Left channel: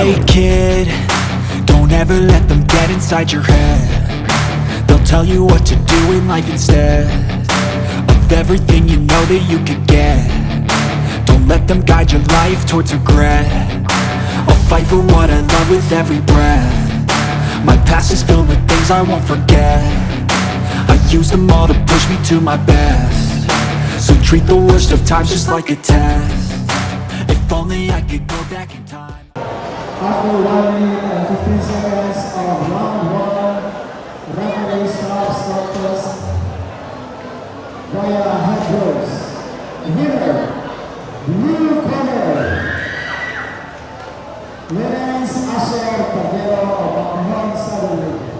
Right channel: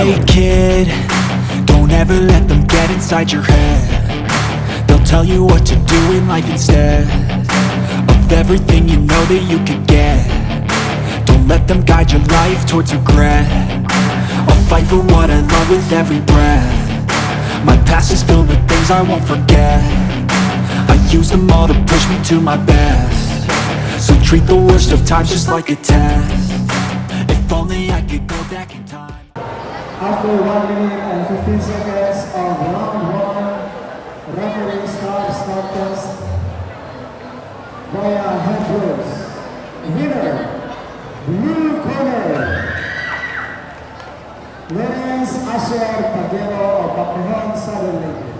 Hey kid, don't ever let them get inside your head. They'll tell you what to do in life instead of everything you know that you could get. Don't let them guide your life towards regret. I'll fight for what I love with every breath. My past is filled with things I won't forget. I use them all to push me to my best. So treat the worst of times just like a test. If only I could go back in time. After 1 minute and 15 seconds of round 1, referee stops contest via head blows. Winner, blue corner, Lorenz Bhirr Pagiuro of Macrohon.